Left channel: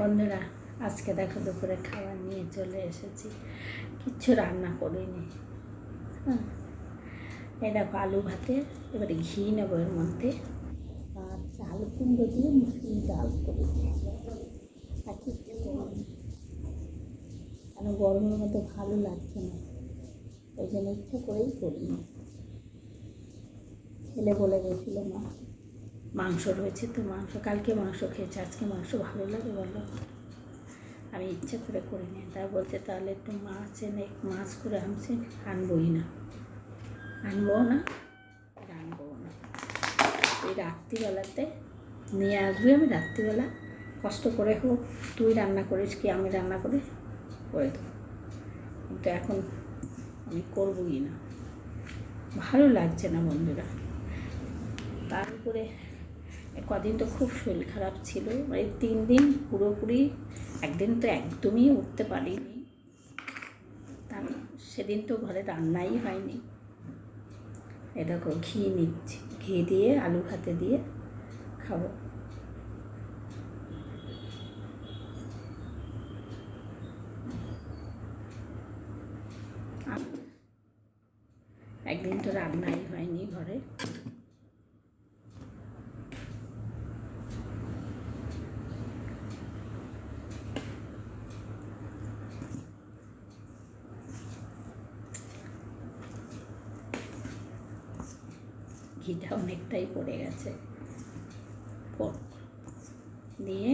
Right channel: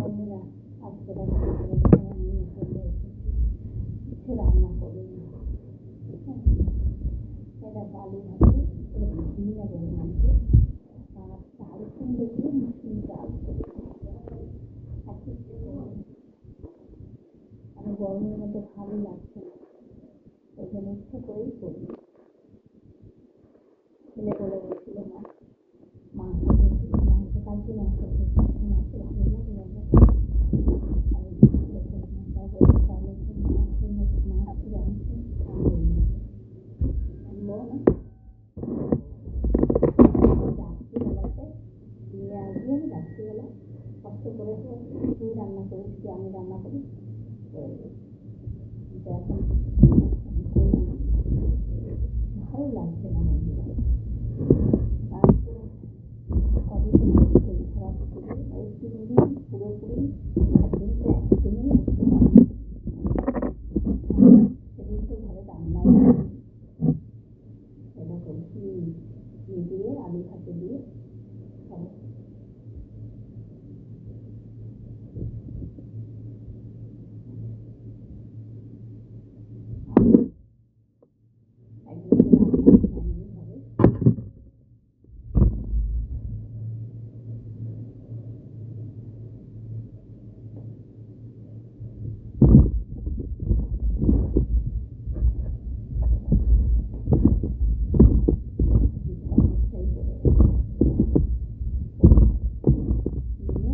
বন্ধুরা, আজকে দেখো দুপুরে খাবার নিয়ে চলে এসেছি। কিচ্ছু রান্না করিনি। এই দেখো আলু ভাতে, এবারে ঘি নেবো এর মধ্যে, আর চাল কুমড়ো দিয়ে মুসুর ডাল করে আর কিচ্ছু করিনি, কেন গরমের মতো ভালো লাগছে না, ওই জন্য ইচ্ছা করেই করিনি। ছেলে বলে গেছিল মা মাংস রয়েছে তো, মাংস কালকে মাংস খেয়েছে, আজকে মাংস ভালো লাগে বলো। আমি ইচ্ছে করে করিনি। তা বলছে তাহলে একটু মাছ এনে মাছ করে আনছি, আনবই না, আনবো না। এই রাত্রিবেলাতে নিয়ে আসবি, আমি রাত্রিবেলা কষ্ট করে হোক তুই রান্না করিস কি আমি রান্না করে দেবো, কিন্তু এখন আমি করবই না, ভালো লাগছে না বন্ধুরা। তারপরে কদিন তো খুব শরীর খারাপ ছিল, এই 3 দিন পুরোপুরি, একদিন তো একদমই উঠতে পারিনি। সেদিন তো ঘরে রান্নাই হয়নি। এটা ঘি নিচ্ছি, ঘি দিয়ে আলু ভাতে দিয়ে খাবো। একদিন তো রান্নাই হয়নি ঘরে। ঘিটা অনেকটাই পড়ে গেছে, দিয়ে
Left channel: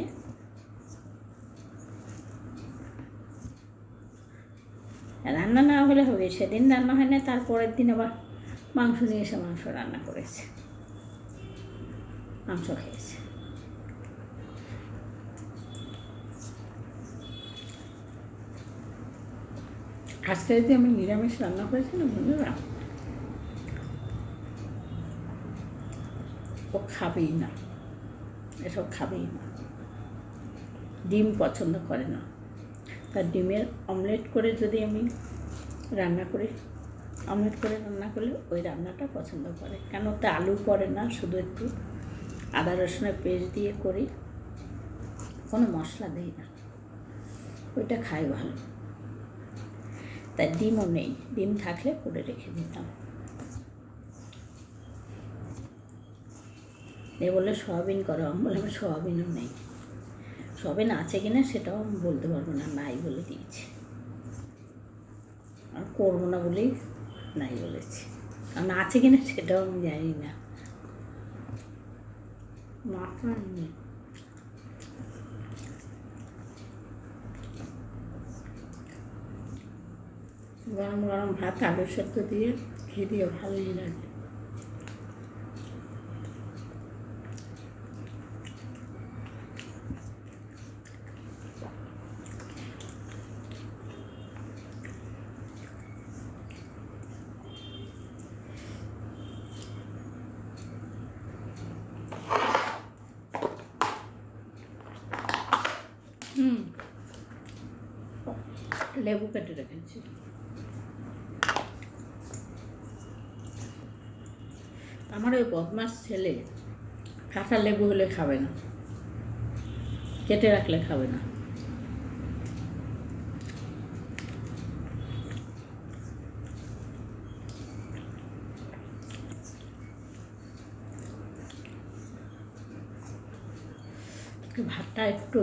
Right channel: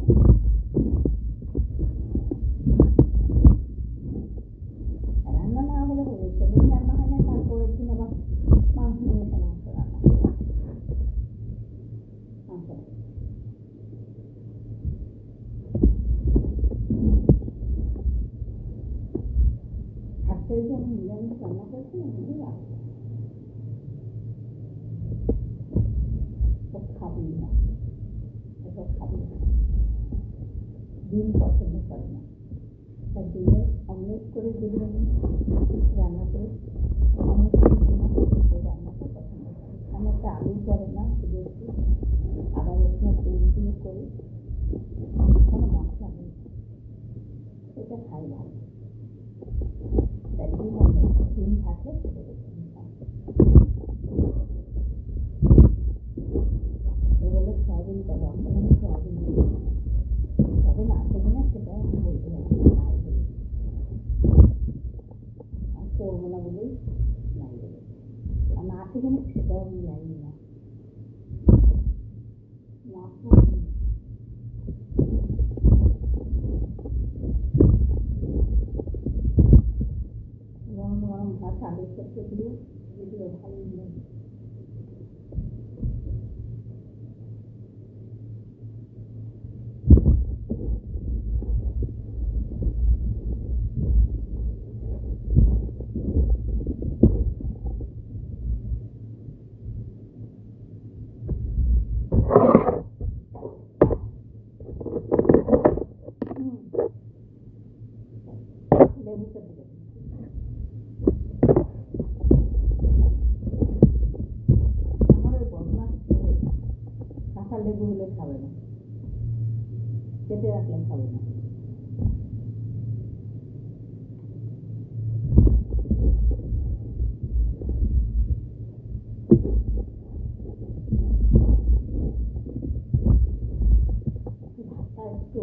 রান্না না হলে হবে। সেদিন রান্না হয় না, তারপরের দিন আবার মাংস নিয়ে এসে মাংস রান্না করেছে, মাংস খেয়েছে। আজকে যদি আমি নিরামিষ রান্না করেছি না বন্ধুরা, ও খাবেই না, এসব খাবেই না। ডিম পছন্দ করে না, তার ডিমের অমলেট করে যদি আমি রান্না করি, অমলেট করে রান্না করলে ওই রান্নাটা পছন্দ করে। কেন ওতে আলু পড়ে না, শুধু একটু আদা রসুনের পেস্ট দিয়ে করি, কোনো মশলা দিই না, ওইটা খাই ভালো। তাই ডিমও নেই, ডিম থাকলে করে রেখে দিতাম। এ বলে সোয়াবিন করো, আমি বলে আমি সোয়াবিনও নেই। সোয়াবিন আছে কিনা সেটাও আমি বলতে পারবো না, নাই বলে দিয়েছি। আর করবো না বলেই নাই বলেছি, কারণ আছে কিনা সেটাও আমি জানি না। মাথা গরম গরম ভাত আলু সেদ্ধ দিয়ে ঘি দিয়ে ভালোই লাগে। লেবু কেটে রেখেছি। আমার ওই বদমাস ছেলে কাঁচা লেবু হলে খাবে না, কেটে রাখলে খাবে না। ভাতটা একটু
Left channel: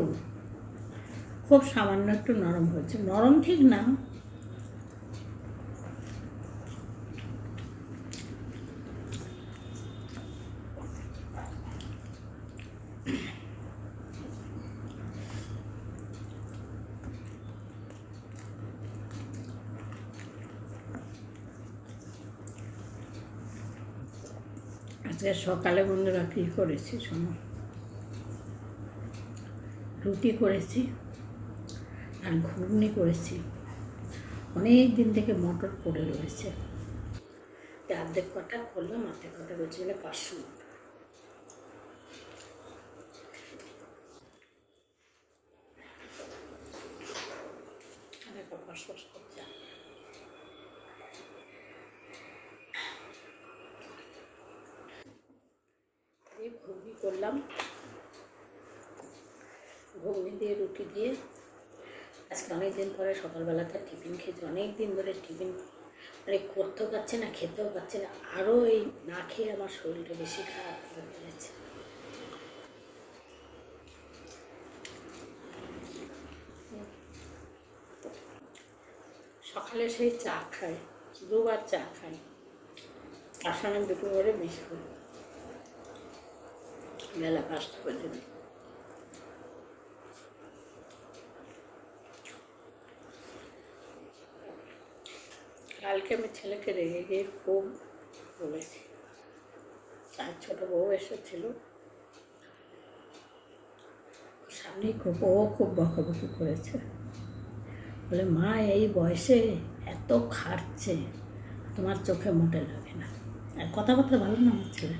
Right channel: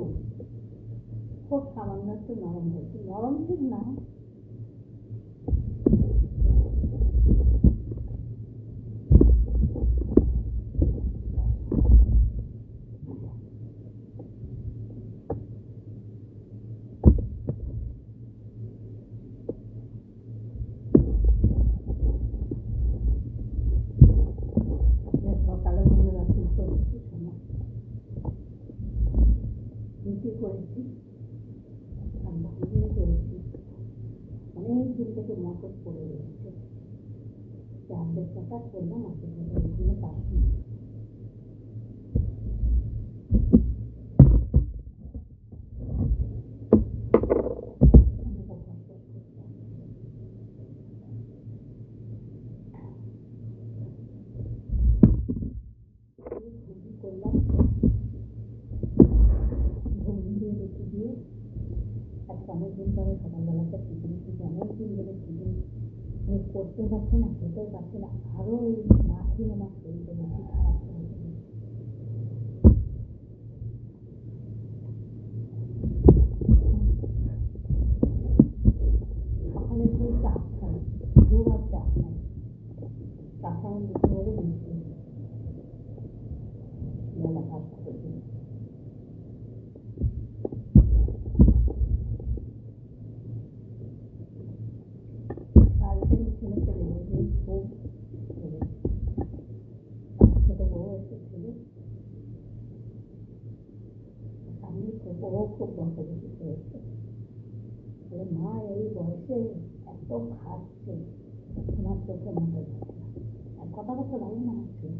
খুব সামান্য একটু নরম হয়েছে, নরম ঠিক না, আজকে সকালে বন্ধুরা কী করেছি শোনো, রুটি করেছি আর ঘুগনি করেছি। অনেক দিন থেকে মটর পড়ে রয়েছে, অর্ধেক কটা করলাম, অর্ধেক কটা বলছিল 500 করলাম, ঘুগনি দিয়ে রুটি দিয়ে আজকে অনেকদিন পরে সকালবেলাতে টিফিন খেয়েছি। অনেক দিন ধরে টিফিন মানে করতেও পারছে না, খেতেও পারছে না। আরও এই না খেয়ে আমার শরীরটা বেশি খারাপ হয়ে ফেলেছে। সকালে সেই চা খাই, 2বার চা খাই, তার সঙ্গে দুটো করে বিস্কুট বেলা 5টা পর্যন্ত। কালকে আমি ছেলেকে রেখে গিয়ে খুব বলেছি। তার ছোটো বউ এসেছিল, সামনেই খুব বকাবকি করেছে, বলে মা এই বয়সে এত খাটছে, তোমার চোখে মোটে লাগে না। আর কথাবার্তা ভালো না আমার ছেলে।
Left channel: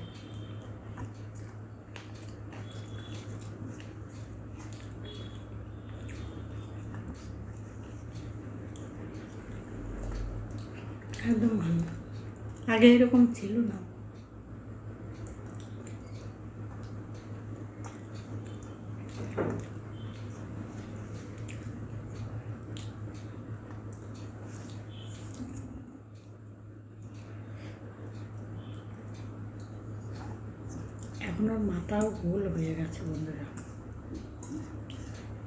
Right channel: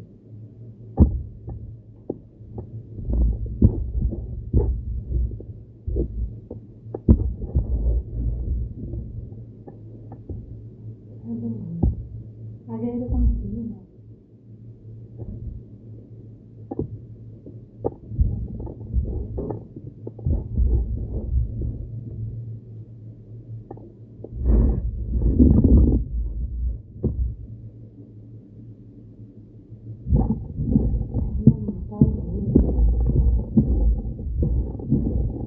একদম ভালো, আগে এরকম ছিল না। এখন ওর মাথাও গোল হয়ে গেছে।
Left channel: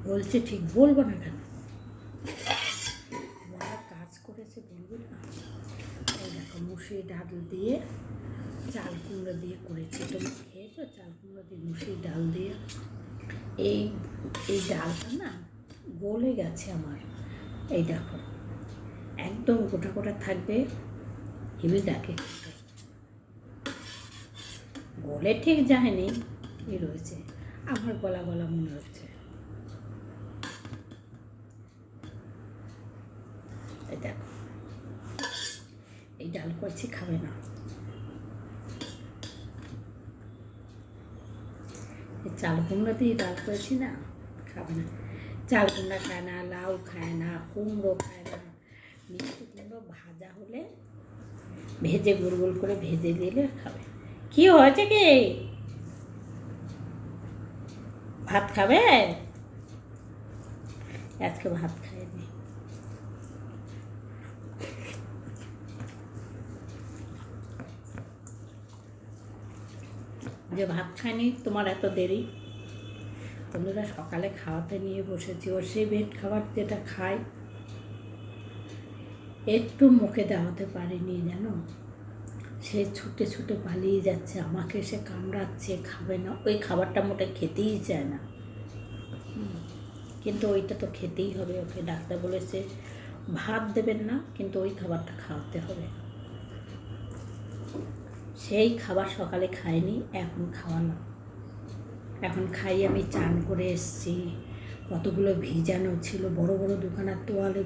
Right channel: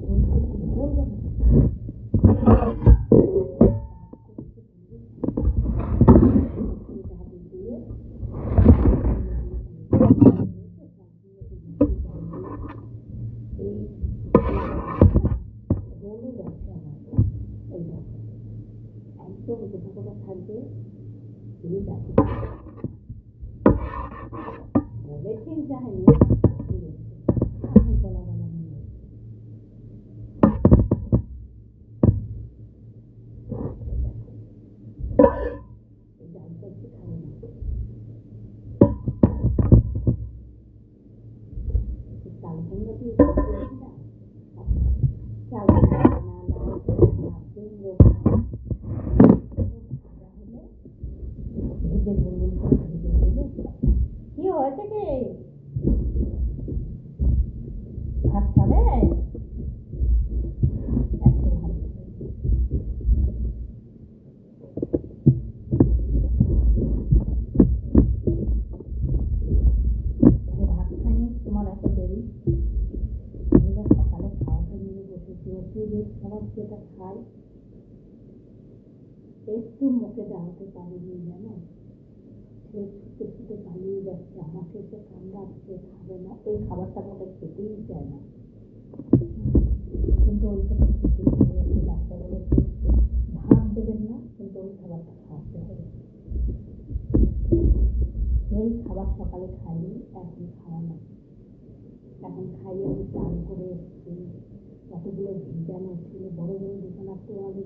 বলছে ঠিক বলবো না কেন, কাজ করেছে বলবো না। মুসি ডাল দিয়ে, চাল কুমড়ো দিয়ে করেছে, খেয়েছো? চাল কুমড়ো দিয়ে মুসি ডাল দিয়ে এই ডালটা না গলে গেছে আমার। এই দেখো একদম গোটা গোটা থাকবে, হেভি লাগে। গলে ঠিক যায়নি, রয়েছে আমার গলা গলা মনে হচ্ছে। দেখো এই ডাল করছি, খাবে না। চাল কুমড়ো দিয়ে ডাল করেছি না, খাবে না। চাল কুমড়ো খায় না, লাউ খায় না, কুমড়ো খায় না। ভাজা হলে ভেজে গোল গোল করে ভেজে দিলে খাবে। কি হয়েছে কি, ভাত খাবে? আজকে ভাত খাইনি। যে ভাত খাইনি তোমার এত দেরি। বন্ধুরা সকালে খাওয়াতে নিয়ে বসেছি, ওর সেই মেট খাবার যেটা খায় একটু মুখে দেওয়াতে পারিনি জানো। সে ছুটে ছুটে পালিয়ে যাচ্ছে, আমাকে সে কামড়াচ্ছে, খাবে না। ওই খাবারটা মোটে খেতেই চায় না, কিন্তু ওইটা তো খেতেই হবে। ওকে ডাক্তার বলেছে ভাত দেবেন না, কিন্তু ওই খাবারটা খাওয়াতে হবে। সেই খাবার সকালে খায়নি, এখন খাওয়ানো। এখন খাই আমি। চান করে এসছি, কতগুলো ভিজানো ছিল, বড় বড় দোকানের তোয়ালে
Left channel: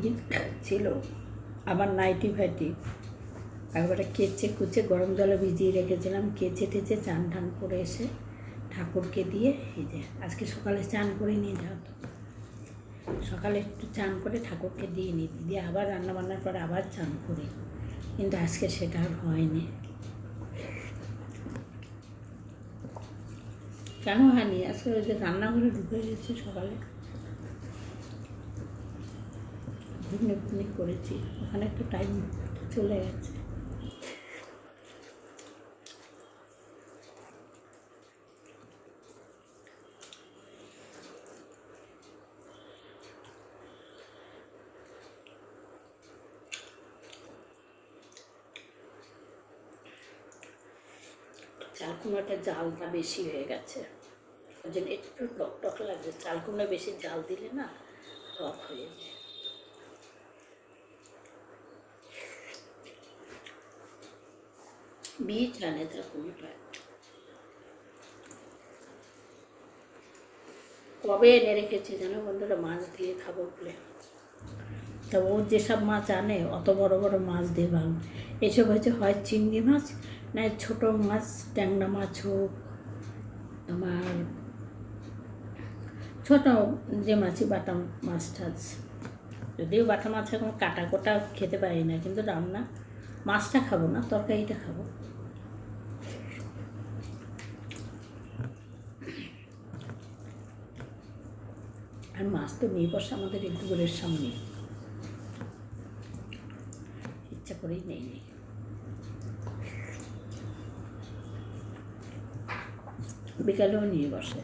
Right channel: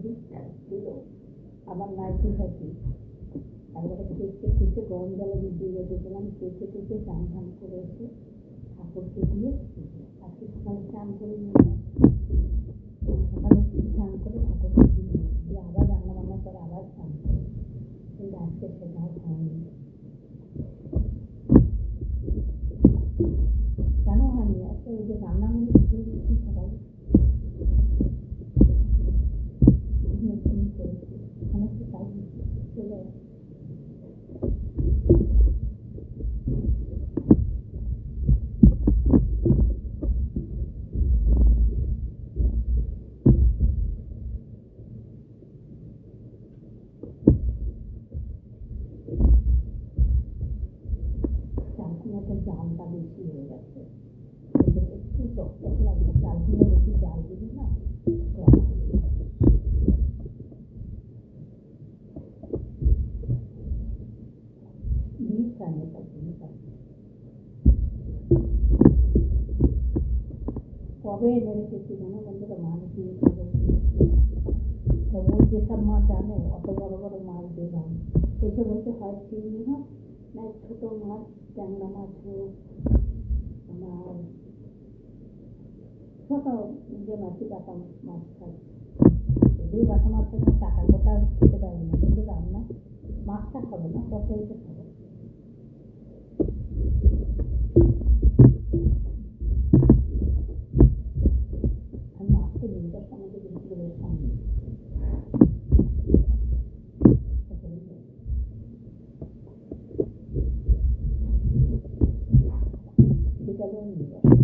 ছিল, আবার নাইটি ফাইটি একবারে কেচে কুচে গরম জলে ভিজিয়ে রেখেছিলাম। কেচে টেচে চান টান করে এসে ঠাকুরকে দিয়ে এই যে আজকে সকালে চান করে নিয়ে যাও। সকালে একটু চান করে ঠাকুরকে দিয়ে নিই, দিয়ে আবার রান্নাবান্নার পরে আবার চান করি, কিন্তু আজকে সেটা আর হয়নি। কেন হয়নি? আজকে ওই যে রান্নাঘরে ঢুকে গেছি সকালে, ঘুগনি করেছি, অনেকটা টাইম চলে গেছে। চাল কুমড়োটা জালটা বেশি হয়ে গেছে, ওই জন্য একটু টক টক লাগছে। চাল কুমড়ো বেশি জাল দিলে না টক হয়ে যায়। বীজ আনে চাল কুমড়োটায়, কবে এনে রেখেছি জানো বন্ধুরা, মাছ দিয়ে খাবো বলে। তা ও যেসব মাছ আনে অত বড় বড় মাছ দিয়ে ভালো। এসব হচ্ছে হয় চিংড়ি মাছ, না ছোটো মাছ, ট্যাংরা মাছ হোক, আমার ছোটো যে মাছই বাটা মাছ টাছ। যদিও বাটা মাছ এখন কাটা কোটা খেতে পারি না, কিন্তু রান্না মাছটা খাবো না, তরকারিটা খাবো। আর মাছ তো নিয়ে বসে আমাদের এই পুকুরের সামনে, ইচ্ছা করেই নেই। বিকালেও নিয়ে বসে।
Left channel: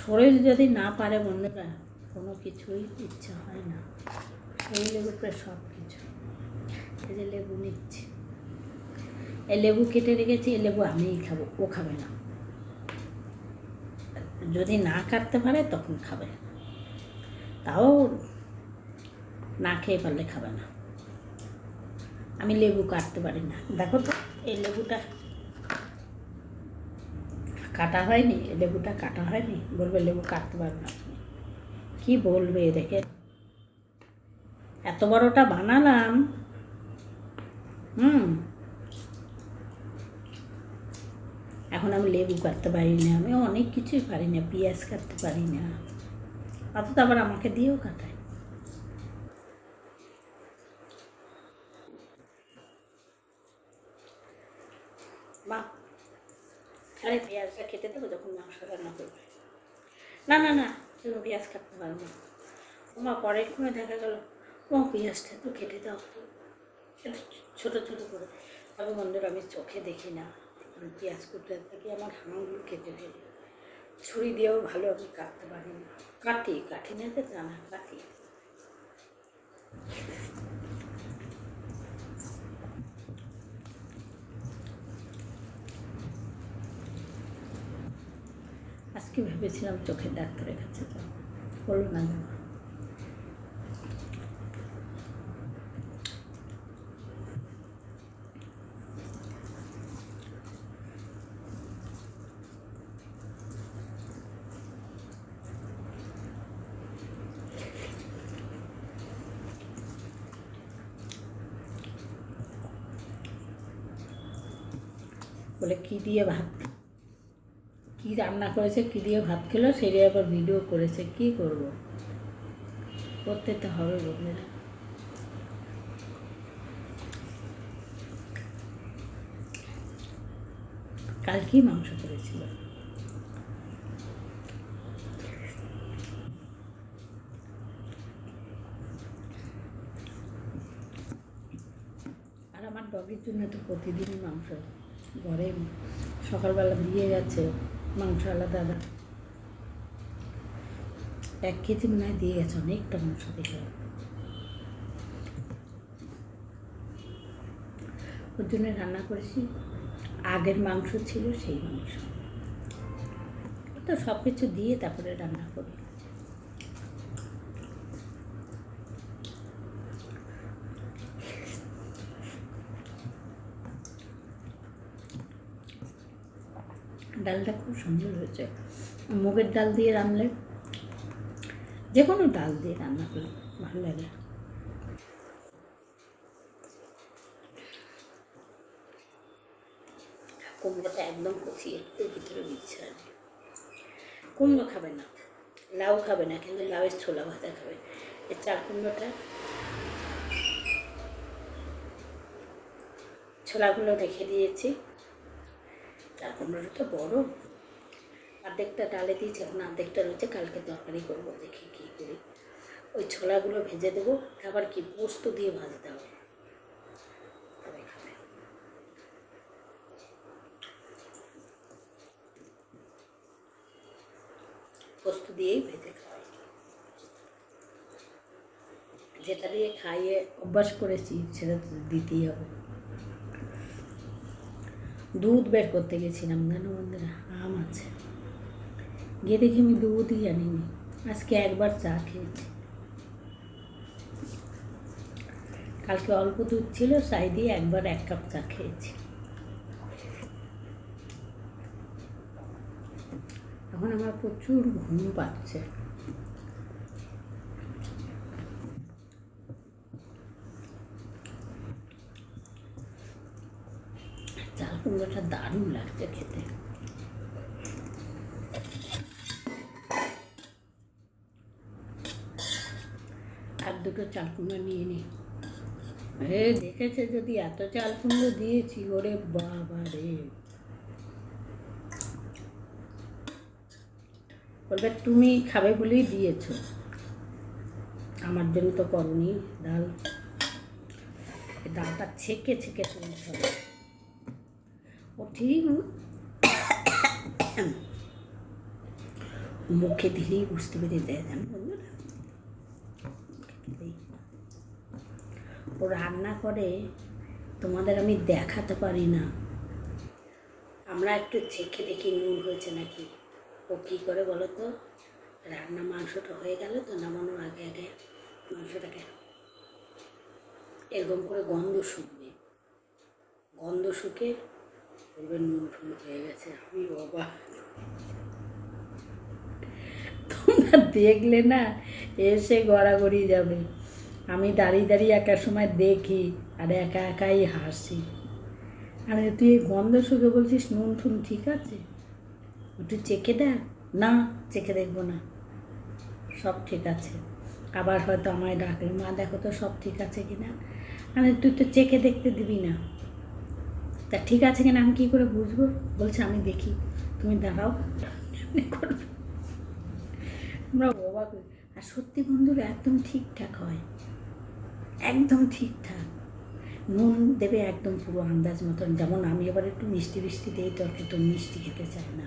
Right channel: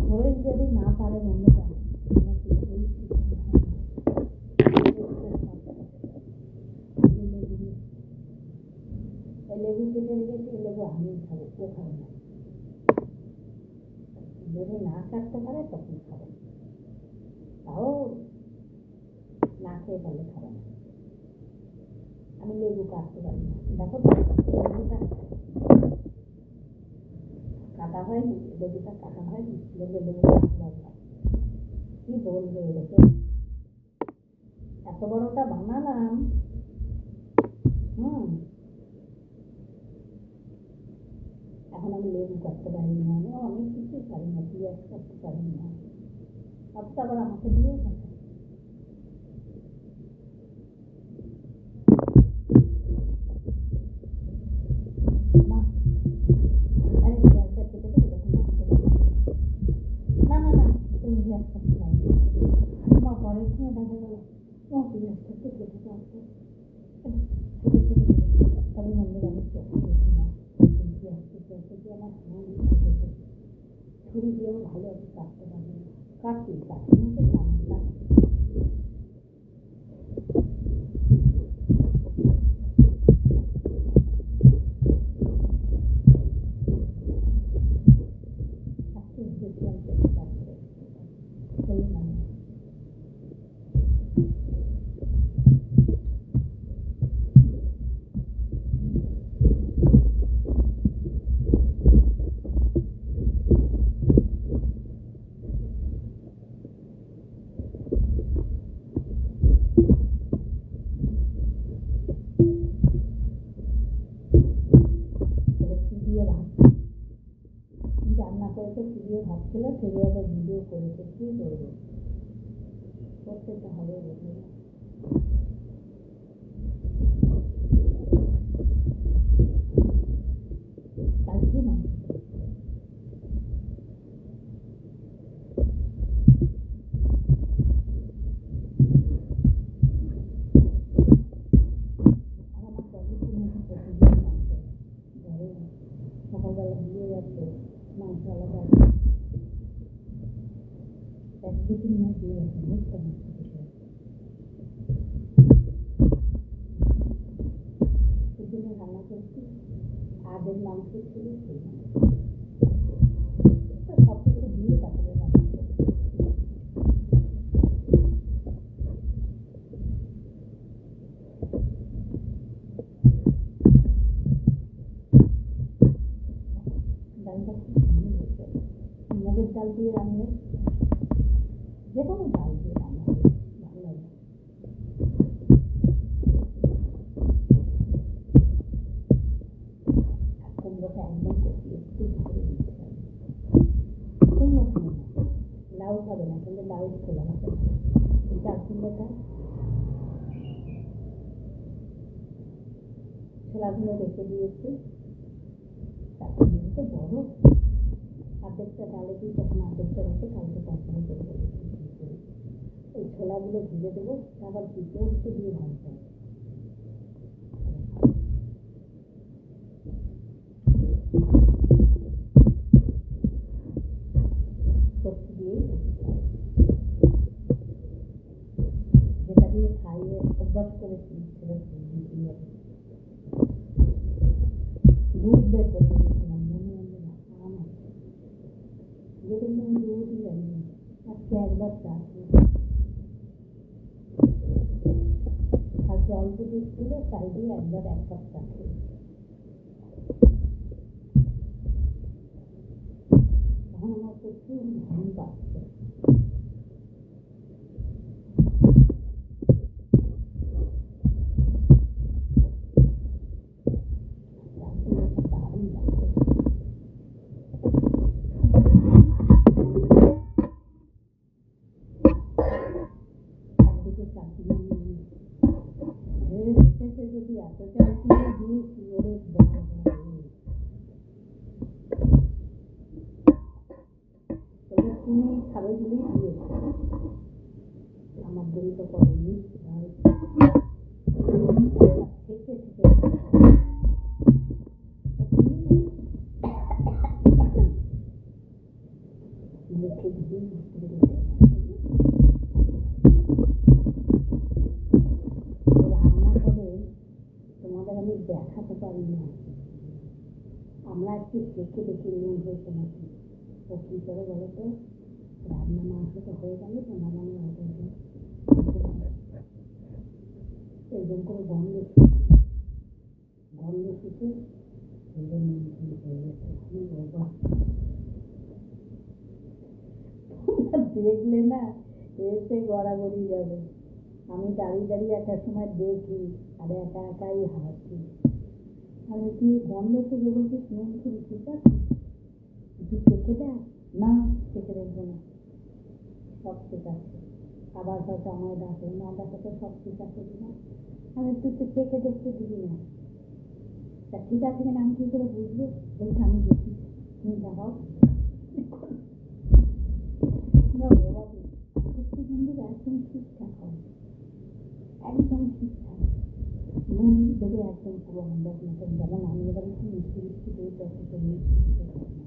শরীর যদি না পারে বন্ধুরা, কোনো কিছুই ইচ্ছা হয় না। লেবুর প্রায় সব কিছু। এই যে লেবু নিচ্ছি, এই লেবু কেটে রেখেছি, এই লেবু আমিই খাবো, ও খাবে না। যদি না কাটতে পারে তখন খাবে, তাও না খেয়ে পারলে খাবে না। আমি লেবু কাটতে পারি না। দেখো তো এই লেবুটা কাটা হয়নি, এই লেবুটা কাটা হয়নি, বলবে লেবু কাটতে পারবে না। কি বলবে এদেরকে? এত বড়টা বানালাম, এখন আমি লেবু কাটতে পারি না, আমি অনেক কিছুই পারি না, পেঁয়াজ কাটতে পারি না, অথচ আবার আমাকে দিয়েও কাটায়। মা, আরে পেঁয়াজটা কেটে দেবো যখন মাংস রান্না করবে। না না না, তুমি পেঁয়াজ কাটতে পারবো। মা পরে করে দেখা গেল, ও পেঁয়াজটা তো কেটে দাও, একটু ছোটো ছোটো করে। তবে বন্ধুরা আমি চোখে দেখি না, পেঁয়াজ কুটতে থেকে আমার হাঁগুলো কেটে ফেলি। ছুরি দিয়েও ভালো আমি কাটতে পারি না। কাটি না তো জানা, কাটি। আজকে ভেবেছিলাম চোখের ডাক্তারের কাছে যাবো, হলো না যাওয়া। বলে কী দিয়ে ভাত, কী রান্না করেছে, কী দিয়ে ভাত খেলো, সেটাই আবার ভিডিও করেছে। কী করবো, করতে তো হবে বন্ধুরা। কালকেই মাংস করেছিল। আর আমার টকের জন্য তো প্রতিদিন মাংস ঘরে, সকালবেলা দিয়ে গেছে মাংস আলাদা আলাদা, 1 কেজি মনে হয় দিয়ে গেছে, অনেকটা মাংস দিয়ে। ওর জন্য রান্না করেছি, আগের মাংস ছিল সেই মাংস, তো সব কিছু দিয়ে তারপরে রান্না করি। ডালটা খুব সুন্দর হয়েছে। মুগের ডাল দিয়ে রান্নলে, যে কোনো ডাল দিয়ে রান্না করলে ভালো লাগে। কুমড়োটা একদম কষিয়ে একটু ভিতরে দিচ্ছে। কুমড়ো খাবে না, লাউ খাবে না, কিন্তু লাউয়ের ছোলা ভাজা খাবে। এই চাল কুমড়োটা, ছোলাগুলো রেখে দিয়েছি। চাল কুমড়োটা তো বড়, অর্ধেকটা ডালে দিয়েছি, এখন অর্ধেকটা রয়েছে, কালকে তরকারি করবো, দেখি কী করি। ওই ছোলাগুলো ভেজে দেবো, আবার কি পোস্ত দিয়ে ভাজতে হবে, তবে খাবে। পোস্ত দিয়েই ভেজে খাওয়াই, যেটা দিয়ে খাইয়ে অভ্যাস করেছি সেটা দিতেই হবে। দুধ বের করতে গেছিলাম, জানো বন্ধুরা, আম আছে, গিয়ে দেখি আমি দুধই আনিনি। আজকে একবার চা খেয়েছি, কালকে অল্প দুধ ছিল, তাই দিয়ে একবার 1 কাপ চা খেয়েছি। এখন আমার প্রচুর ঘুম পাচ্ছে। চাল কুমড়োটা দারুণ লাগছে খেতে। আর 2টো চাল কুমড়ো নিয়ে নিই, এ দেখেছে যদি এত চাল কুমড়ো দিয়েছি, ওরে বাবা রে, বলবে তুমি খাবে বলেই দিয়েছো, আমার জন্য তো করনি। ডালটা ছেঁকে ছেঁকে ও ঠিক মুখে দিলেই বুঝতে পেরে দেয়, জানো বন্ধুরা। ও রান্না করে তোমাদের আমি দেখাতে পারি না, আমরা একটু চেখে দেখি নুন হয়েছে নাকি। ও কী করে বলো তো, রান্না মাংসটা হয়ে গেল তো নামানোর আগে আগে মাংসটাকে এরকম করে গন্ধ শুকে বলবে নুন টুন হয়ে গেছে। আমি বাবা, তোমরা দেখলে না এসে গড়াগড়ি যাবে। আমি দাঁড়িয়ে দাঁড়িয়ে একার সময় দেখি আর একা একাই হাসি। আরে তুই গন্ধ শুকে বলছিস নুন টুন ঠিক আছে, একটু চেখে দেখ। না, চেখে দেখবো না, সব ঠিক আছে। আবার হয়তো আমায় ডাকলে, মা দেখো তো সব ঠিক আছে কিনা। আরে তুই তো চেখে দেখতে দিবি না, তা ঠিক আছে কিনা আমি কী করে বুঝবো? বলছে আমি দেখি, তুমি দাঁড়াও করবে। আমরা অবাক। আর সত্যি বন্ধুরা একদম ঠিকঠাক হয়, একদম ঠিকঠাক। নুন দেবে একদম পুরো আন্দাজ মতন। যেমন আমি এবার একটু মিষ্টি মিষ্টি দিই, তো একটু মিষ্টি খেতে চাই না,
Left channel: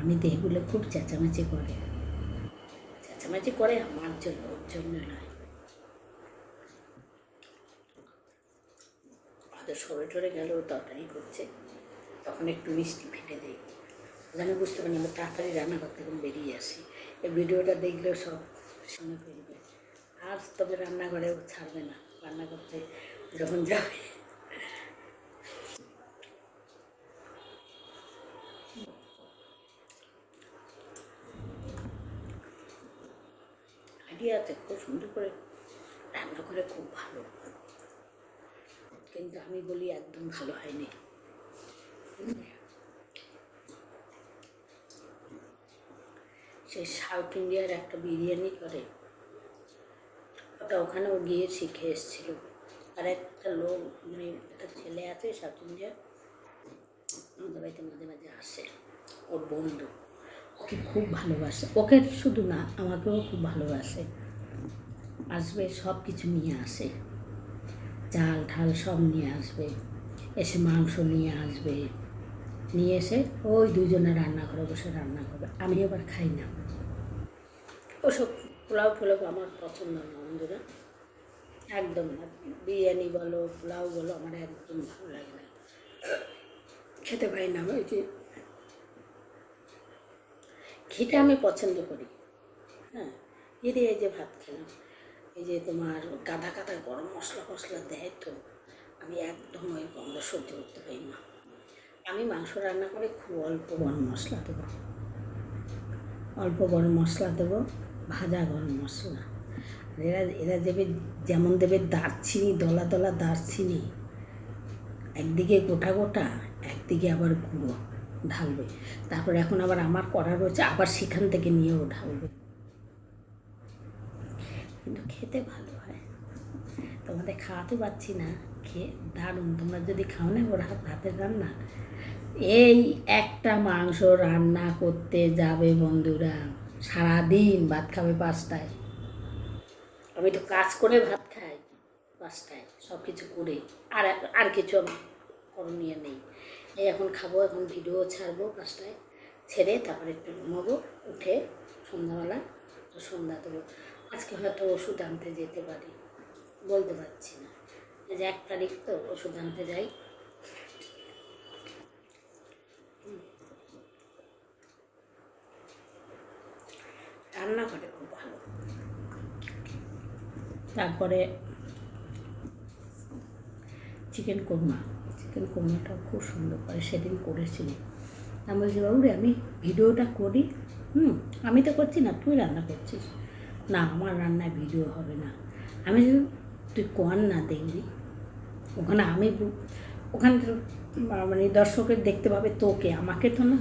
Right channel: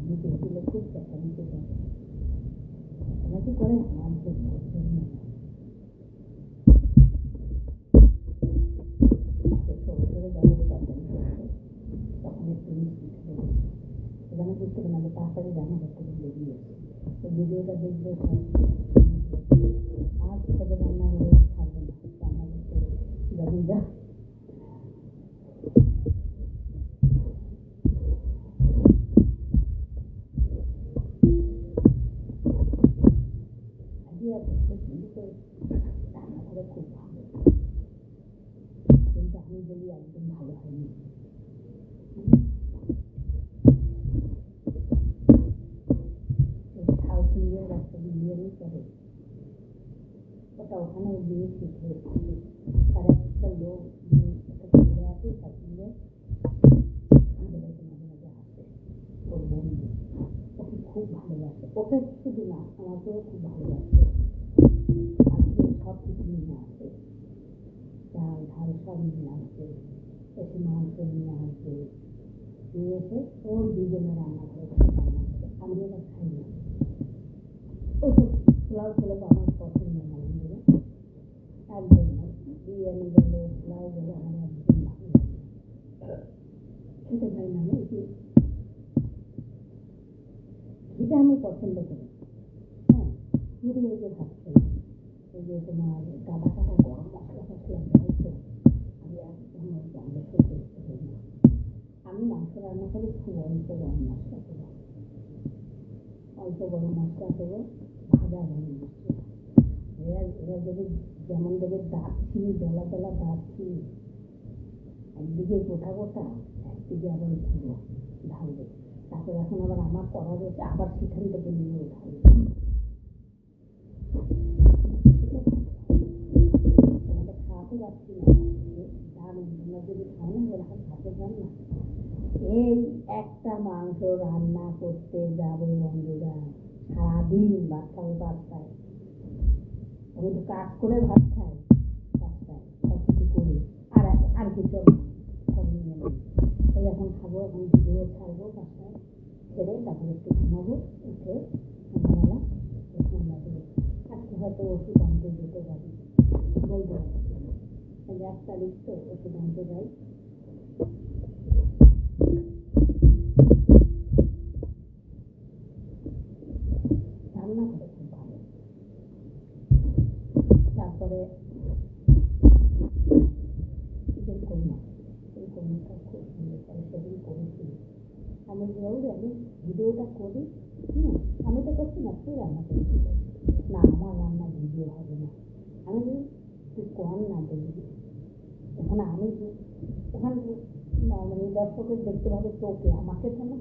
আমি দেহ বলে খুব চেঁচামেচি করে আমার জন্য, ওর জন্য নয়। হয়তো সরে টরে গেল, তরকারি করছে, তখন একটু মিষ্টি ফেলে দিই, যেন বুঝতে পারি না, তাড়াতাড়ি রান্নাঘর থেকে বেরিয়ে আসি। এই ভিডিওটা দেখলেও সব শুনে ফেলবে। আর তবে রান্নাঘরেও ছাড়বে না, রান্না করতে যখন যাবে। আইডিয়াতে খুব সুন্দর করে রান্না করে, খুব ভালো। কিন্তু আমি বলি একদম ভালো হয়নি। সেই সাউথ ইন্ডিয়ার একটা বিরিয়ানি করে, ওটা ওখানেও গিয়ে শিখে এসেছিল। আর একটা লোক, মানে একটা ছেলে আছে সাউথ ইন্ডিয়ার, আমাদের বাড়িতে মাঝে মাঝে আসে, ওর বন্ধু, ওকে খুব ভালোবাসে। ওকে শুধু না, আমাকেও খুব ভালোবাসে। আসবে, সব কিছু নিয়ে আসে, চাল ঠাল সব নিয়ে আসবে, এসে মাংস নিয়ে আসবে, নিয়ে এসে ওই দুজনে রান্নাঘরে বসে রান্না করবে। আমি এবার খাই না ওসব পোলাও ফোলাও, আমার পছন্দ না বন্ধুরা, একদম না। বিরিয়ানি বলো, পোলাও বলো, আমার একদম ভালো লাগে না, খেতে পারি না। ওই যে খেতে আমি পছন্দ করি, হ্যাঁ, যদি এই যে ভাত খেলাম, এই যে তোমার গাদা গাদা গরম মশলা ফসলা দেয়, তো আমি একদম ওই গন্ধ সহ্য করতে পারি না। আমি মাংস রান্না করে খুব অল্প গরম মশলা দেবো, ভাজা গরম মশলা। এরা দেবে, যেমন দেবে দারচিনি, দলা দলা দারচিনি, একদিকে গোটা গোটা, একদিকে আবার গুঁড়ো ঢালবে। তারপরে এখন আবার আমার করা রয়েছে, আবার সেখান থেকে নিয়েও ঢালবে। কিন্তু খেতে ভালো হয়, তোমাদের খাওয়াতে পারছি না, খেয়ে দারুণ। তোমরা যদি খাও না ওর হাতের রান্না, এই একটা মাংস রান্না করতে যাবে বন্ধুরা, সারাদিন ভাত খাবে 5টায়। আমি তো কাজ করে ভাত খাই 5টায়, সব কিছু করে, আর কিছু করণীয় নেই। এই এখন খাবো, এখন ভিডিও ছাড়বো 5টায়, ছেড়ে তারপরে একটু ঘুমাবো, উঠে সন্ধ্যাবেলা সন্ধ্যা দেবো। আজকে হয়তো ওষুধ আনতে যেতে পারি, বলতে পারছি না, এই যে 1 তারিখ তো, ওষুধ আনতে যাই। রান্না করে খুব ভালো। তারপরে চিকেন কোরমাটাও খুব সুন্দর করে, সেদিন করেছিলি। আমি বলছি বাবু রে, আমি ভিডিওটা করি, আমি তো করছি না, তুই রান্না করছিস না, আমার রান্নায় ভিডিও হবে না। আমি তুই কর না, দেখবি ওখানে ওখানে মানে দর্শকের দেখতে পাবে তোকে, আমাকে তো না।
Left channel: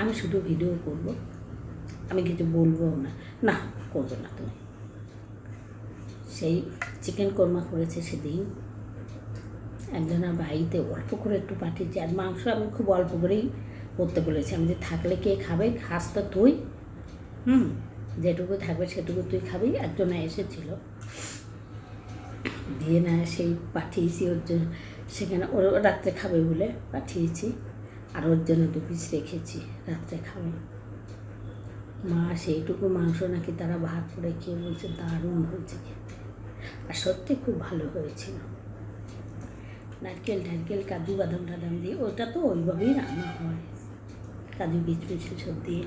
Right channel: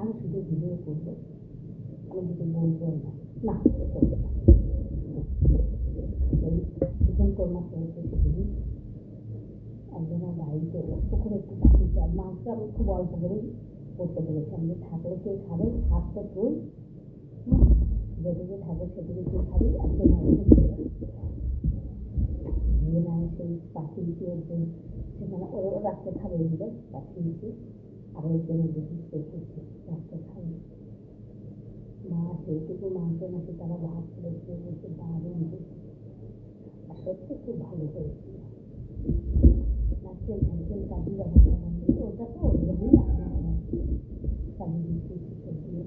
আমি শুধু ভিডিও করবো, আমি কিছু বলবো না, না করবো না তুমি। সেই চিকেন কোরমা করেছে সেদিন, একজনের বাড়িতে অল্প করে একটু পাঠিয়েছি। আর মাংস আমি খুব অল্প করেই করতে বলেছি, আমি যে থাকলে কে খাবে, খাস তো তুই, যেটুকু থাকবে সেটুকু তুই খাবি। একজন এসেছিল, দিয়ে না সেই পাঠিয়েছি ওর জন্য, সেখানে ওর রাত্রে খাবে বলে পাঠিয়েছি, আর ওর জন্য 2 পিস রেখেছি, রাত্রে খাবে। মা সেইটুকু মাংস নাকি তারা ভাত করে খেয়ে বলছে দারুণ হয়েছে খেতে, আর সত্যি খুব ভালো হয়েছিল। নারকেল টারকেল কাজু বাদাম টাদাম দিয়ে ওটা তো ওইভাবেই রান্না হয়, কাজু কিশমিশ সব দিয়ে।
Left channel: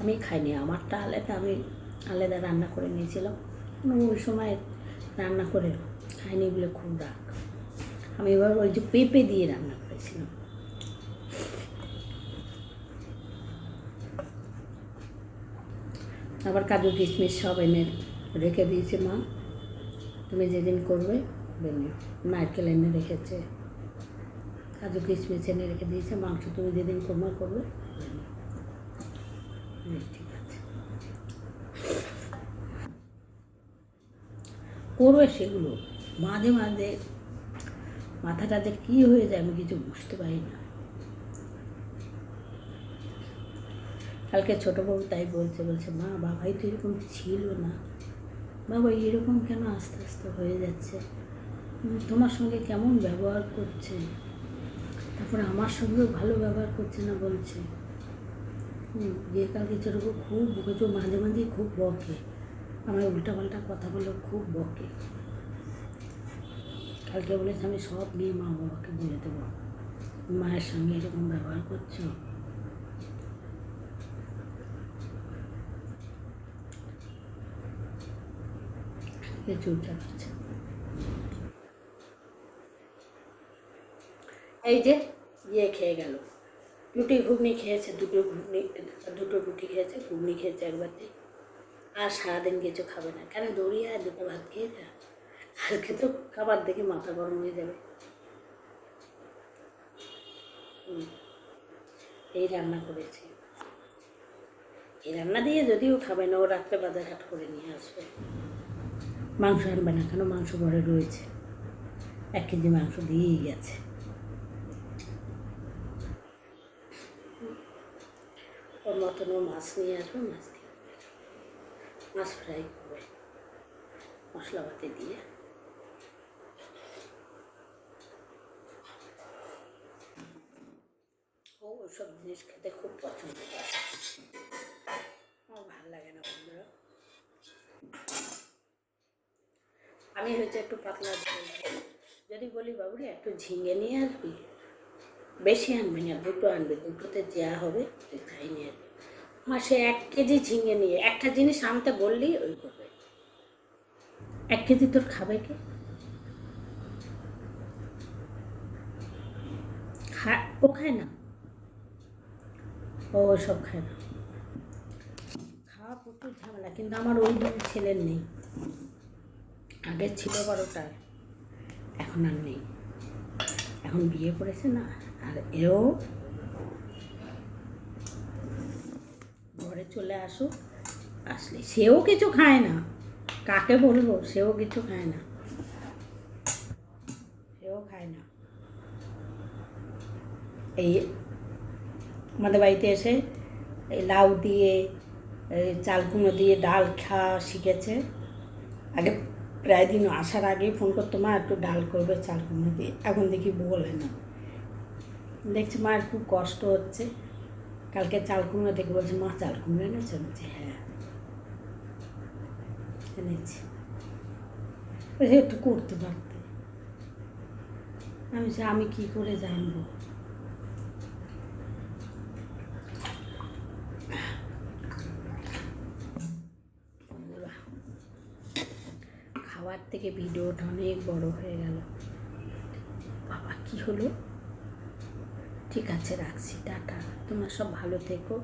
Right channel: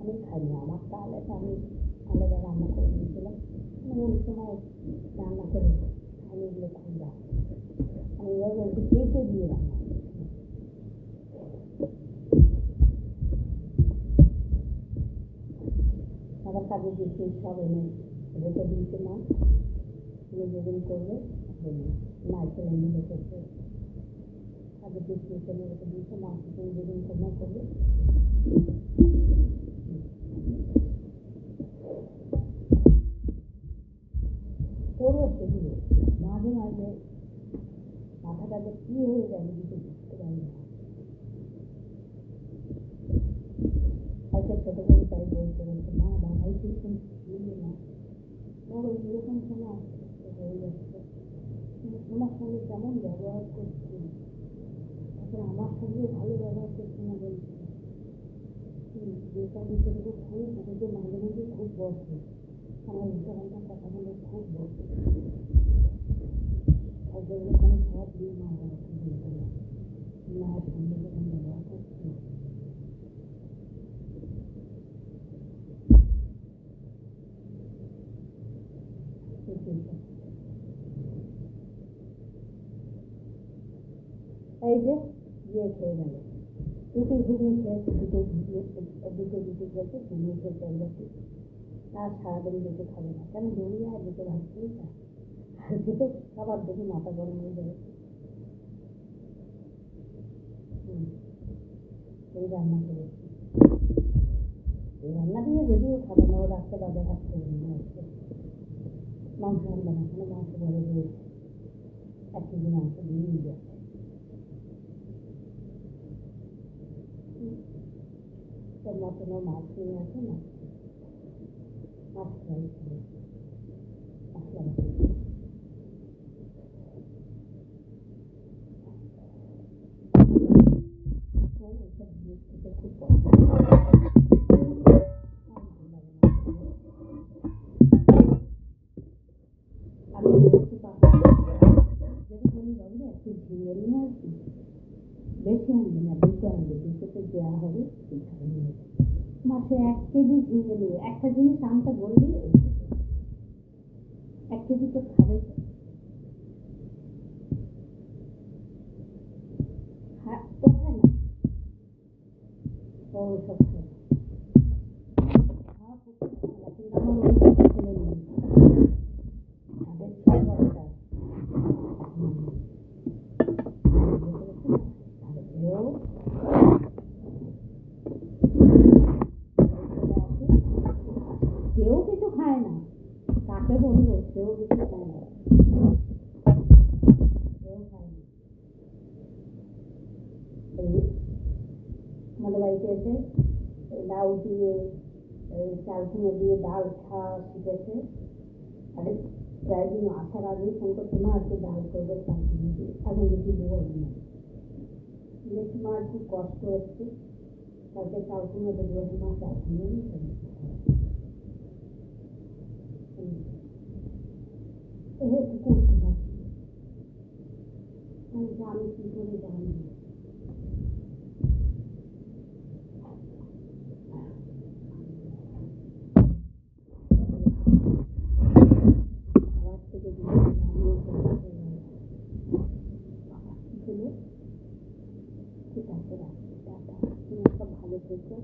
আমি খাইনি, আমারটা আলাদা, আমি আলাদা রান্না করে নিয়েছিলাম। ওই সময় রান্না করে খাইনি বলে খুব রাগ। আমি এবার ওই যে পেঁপে দিয়ে রান্না করেছিলাম। আবার কাজু কিশমিশ সব এনে রেখে দিয়েছে মা, তুমি যেদিন করবে নারকেল এনে রেখেছে, কাজু কিশমিশ এনে রেখে দিয়েছে, মাংস তুমি যেদিন কোরমা করবে। করবে সেগুলো, মাঝে মাঝে মাথাটা যে কী হয়ে যায় আমি কিছু বুঝতে পারি না। কালকে ছোটো বউ তাই বলছে মা বাবাই তো এরকম ছিল না, বাবা এরকম কেন আস্তে আস্তে হয়ে যাচ্ছে, তোমার সঙ্গে কেমন ব্যবহার করছে, তারপরে আমার সঙ্গেও ভালো ব্যবহার করছে না বলছে। যে কালকে ছোটো বউ খুব বকেছে, মাঝে মাঝেই খুব বকে, আমার উল্টাপাল্টা কথা বলে খুব বকে। কালকে বলেছে আমি সব নিয়ে মা বাবাকে বলে দেবো, মায়ের সঙ্গে এরকম ব্যবহার করছো। চুপচাপ আছে। এই যে খেয়ে গেল, রুটি ঘুগনি খেয়েছে, দুটো রুটি খেয়েছে, ঘুগনি খেয়েছে একবার, আর সারাদিন কিছু খাবে না। কেন দৌড়িয়ে আর 2টো ভাত খেয়ে যা, কালকে তো খাবার দেখে মাথা গরম হয়ে যাবে। এই রান্না করেছি, এই রান্না দিয়ে যদিও খাবে না, ও রাত্রে বাজার হাট করে নিয়ে আসবে। মাংস আনবে না, কেন মাংস ঘরে রয়েছে, 1 কেজি মাংস দিয়েই গেছে। ওর মতন ও মাছ নিয়ে আসবে, মাছ দিয়ে মাছ ফ্রাই করবে মশলাপাতি দিয়ে। ও ওসব জিনিস খেতে খুব পছন্দ করে, আমার ভালো লাগে না। আমি হচ্ছে একটু পাতলা, যদি বলি বাবুরে একটু ঝিঙে নিয়ে আসবি, বেশি আনবি না, 2টো আনবি, 2টোতে যা হবে তুই খাই নিয়ে আসবি। মাসে 1 কেজি ঝিঙে নিয়ে, একটা জিনিস আনতে বললেই ওই করবে। 1 কেজি তোর খাবে কি? ও খায় না, ও সব খায় না, খাওয়া প্রচুর ঝামেলা। কিন্তু আমার ওই ছেলের নেই, আগে ছিল বড়টা, এখন আর নেই, এখন বিয়ে করেছে না। আর এও ঘরে চলে আসুক, আসলে সেও কিছু খায় না, কাকে বলবো, সেও কিছু খায় না, সেও খায় না। এই আমাদের বাড়িতে এসে এই লাউ দিয়ে, চাল কুমড়ো দিয়ে ডাল খাওয়া শিখেছে। আগে প্রায় দিন আসার আগেই ফোন করতো, মা একটু ডাল করবে চাল কুমড়ো দিয়ে, এখন দেখি বলে না, দেখছি মায়ের খুব কষ্ট হচ্ছে। কালকে চাল কুমড়ো দেখে বলছে মা চাল কুমড়ো এনেছে, বলছে হ্যাঁ এনেছি, একটু করতে পারতে। আমি কি করে জানবো, খাবার থেকে ভিডিওটা অনেক বড় হয়ে গেল। বাবা কি হলো, ঠিক আছে রাখছি, টাটা, তোমরা সব ভালো থেকো।